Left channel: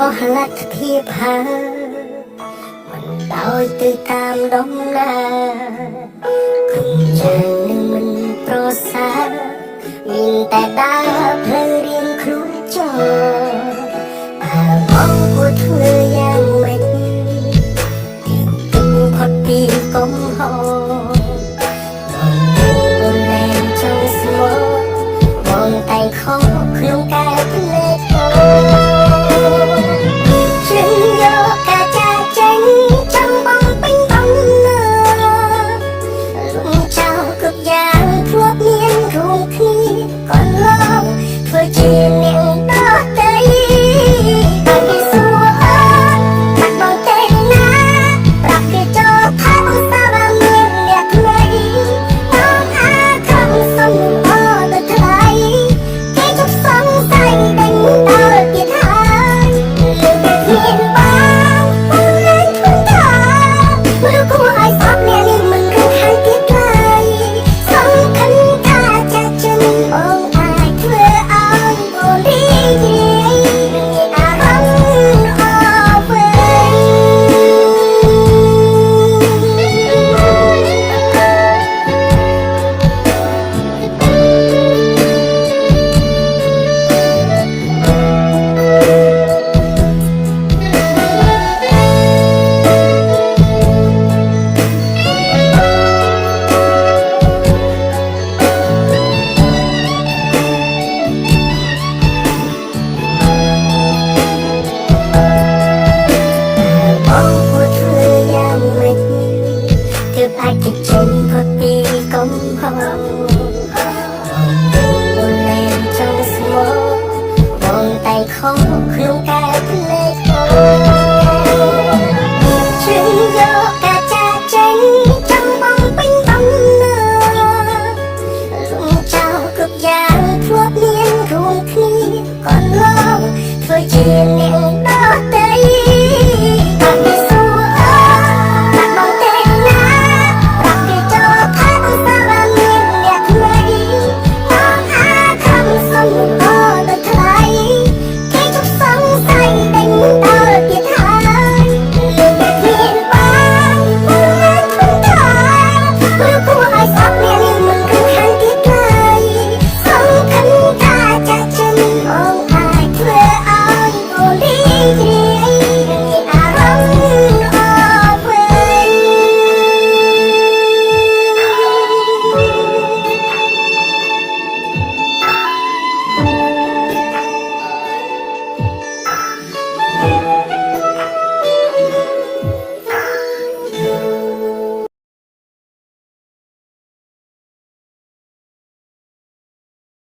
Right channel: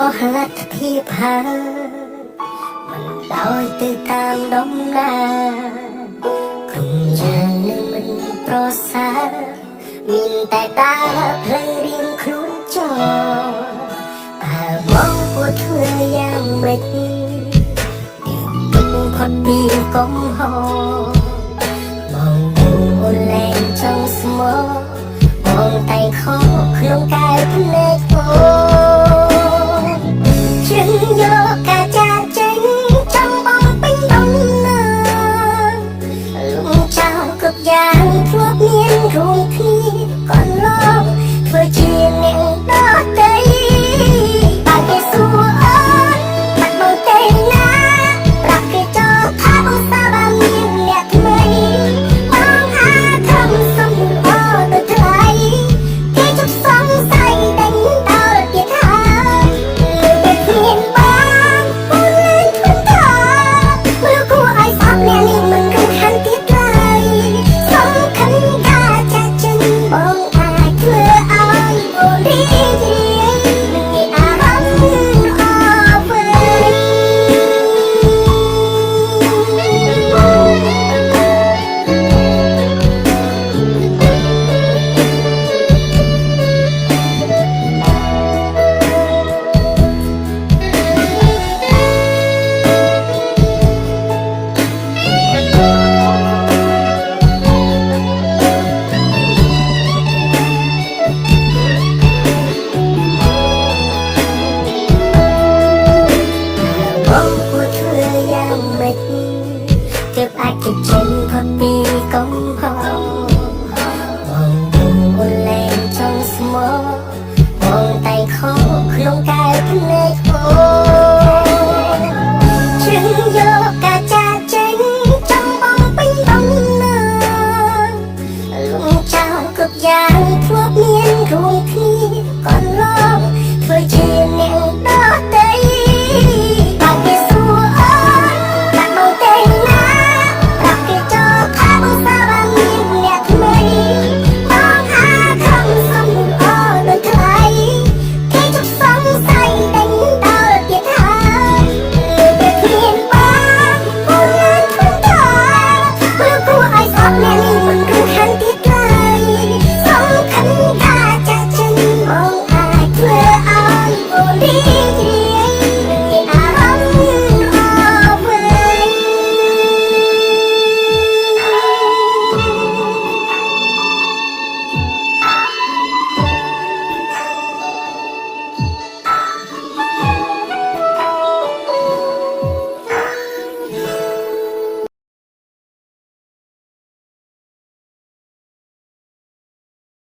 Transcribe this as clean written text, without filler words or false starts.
អស់លទ្ធភាពហើយមិនដោយទៅតាមដំណើរក្រុមយ៉ាងនឹងមិនប្រសើរមានតែដើរផ្លូវរៀងខ្លួនចោលតើបងគួរធ្វើយ៉ាងម៉េចទុកផុតពីកំហុសបងអូនលែងចង់ស្មោះបងតែខកក្នុងកែវភ្នែកអូជ្រឹងយកការចាចេញចង់បងពេញដំណើរលំចោលគ្រប់យ៉ាងធ្លាប់មានរួមគ្នាកន្លងធ្វើជាអ្នកដទៃបើគេសួរអូនបាត់បងទេណាប្រាប់គេចោលថាបងសាបើមានអ្នកថ្មីបងអាចខំសំអរទៅថ្លៃគេជប់សង្ស័យដេញដល់ទៀតហើយលើពេលគ្មានបងអូនលែងធន់ថាមើលគួរឲ្យស្អប់អ្នកនេះមិនរំខានទៀតឡើយសំខាន់ការចាក់ចិនបងអាចធ្វើឲ្យអូនរីករាយនឹងមានអារម្មណ៍ល្អវិញបងគួរធ្វើយ៉ាងម៉េចទើបអាចជិះចេញផុតពីកំហុសបងអូនលែងចង់ស្មោះបងតែខកក្នុងកែវភ្នែកអូជ្រឹងយកការចាចេញចង់បងពេញដំណើរលំចោលគ្រប់យ៉ាង